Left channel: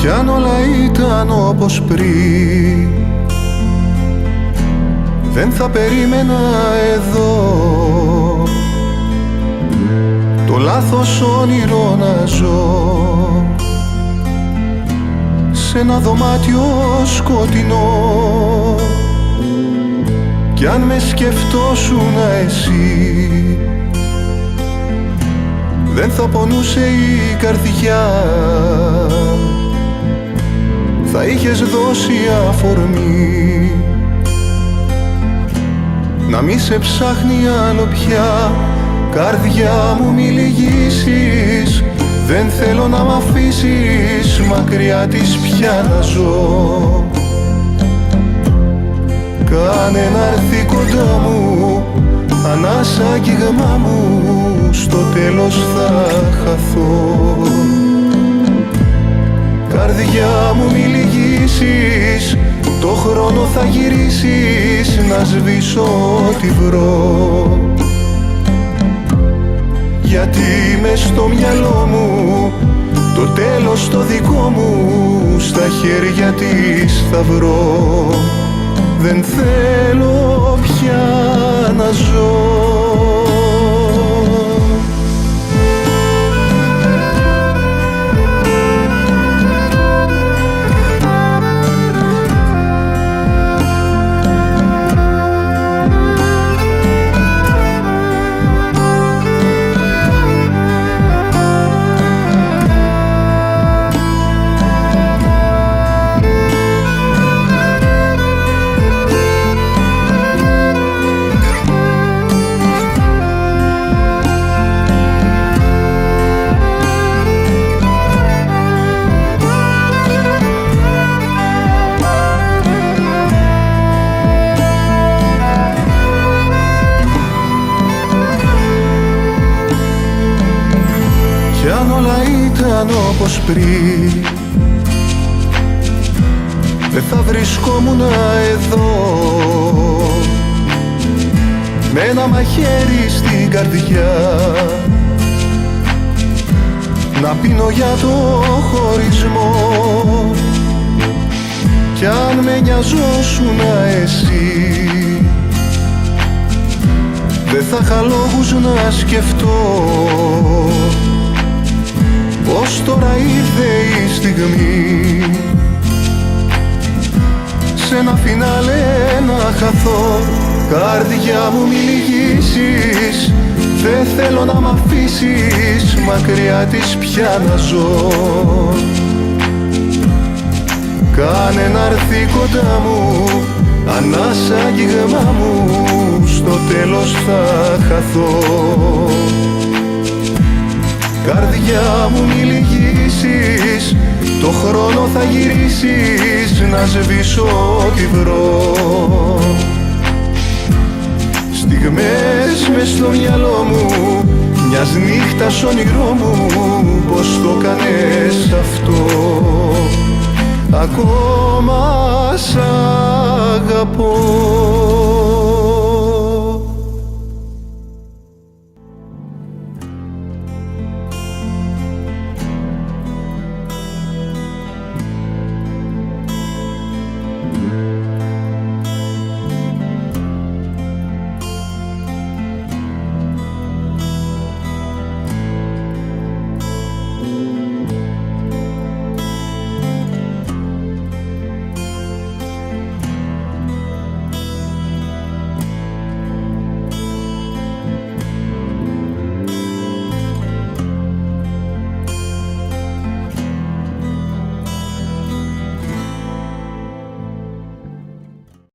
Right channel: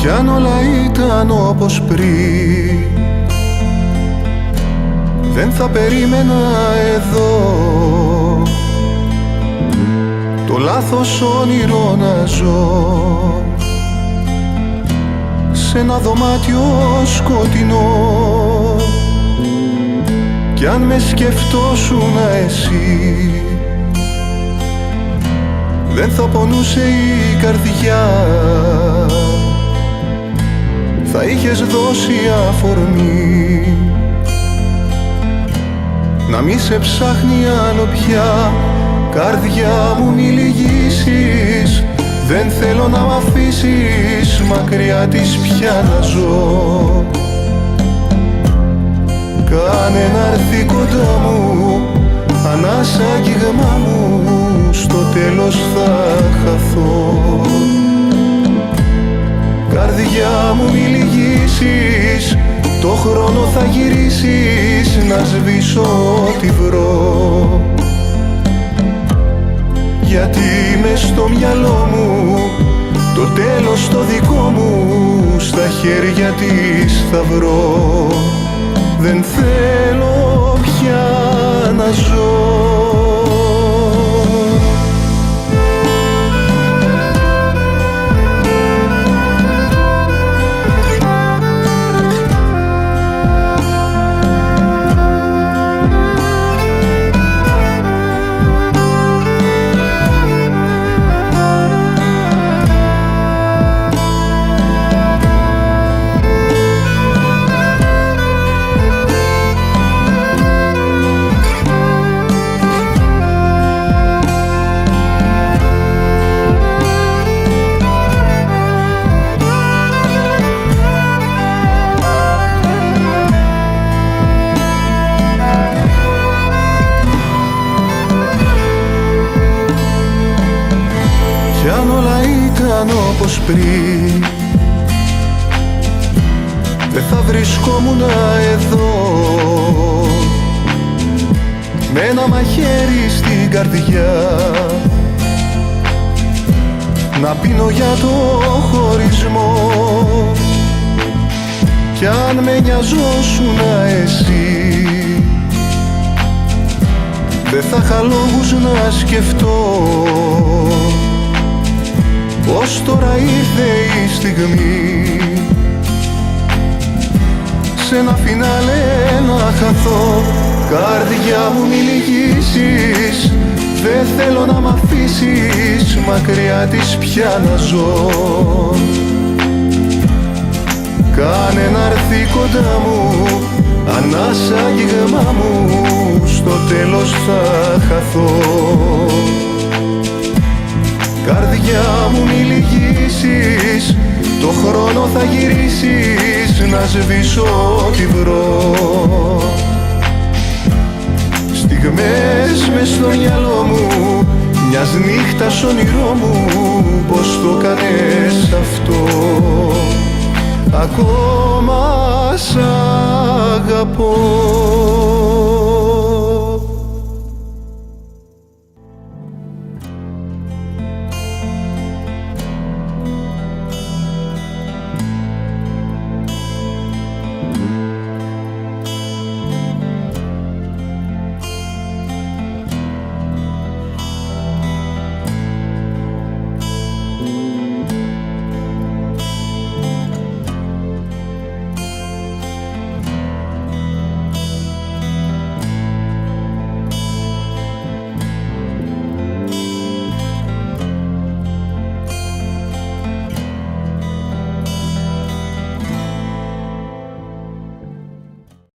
Κι αν όλα ήταν όπως πριν, δεν θα περίμενα εδώ το λάθος όνειρο να ζω σε ένα δωμάτιο σκοτεινό. Κι αν με σκεφτόσουν εσύ, δεν θα πονούσε η καρδιά, θα είχες δώσει αφορμή να μη σε ψάχνει άλλο πια. Καρδιά μου μη λυγίσεις, δεν θέλω να μ' αφήσεις μακριά της πια να ζω. Κάνε να έρθει κοντά μου, ανάσα αγγίγμα μου, στο τέλος θα χαθώ. Καρδιά μου μη λυγίσεις, το χρόνο θα γυρίσεις να σβήσω ό,τι βρω. Γιατί μες στο μυαλό μου το τέλος το δικό μου στα χέρια της θα βρω. Δεν θέλω πια να ζω. Κι αν όλα ήταν όπως πριν, δεν θα βρισκόμουν εδώ με ένα μαχαίρι στην καρδιά να πίνω για το χωρισμό. Κι αν με νοιαζόσουνα εσύ, δεν θα είχα λόγους να σκεφτώ πως τώρα ήρθε η στιγμή σε ένα φινάλε να χαθώ. Καρδιά μου μη λυγίσεις, δεν θέλω να μ' αφήσεις μακριά της πια να ζω. Κάνε να έρθει κοντά μου, ανάσα αγγίγμα μου, στο τέλος θα χαθώ. Καρδιά μου μη λυγίσεις, το χρόνο θα γυρίσεις να σβήσω ό,τι βρω. Στιγμές μες στο μυαλό μου, μιας νύχτας όνειρό μου, πως το κάνες αυτό. Ακόμα σ' αγαπώ.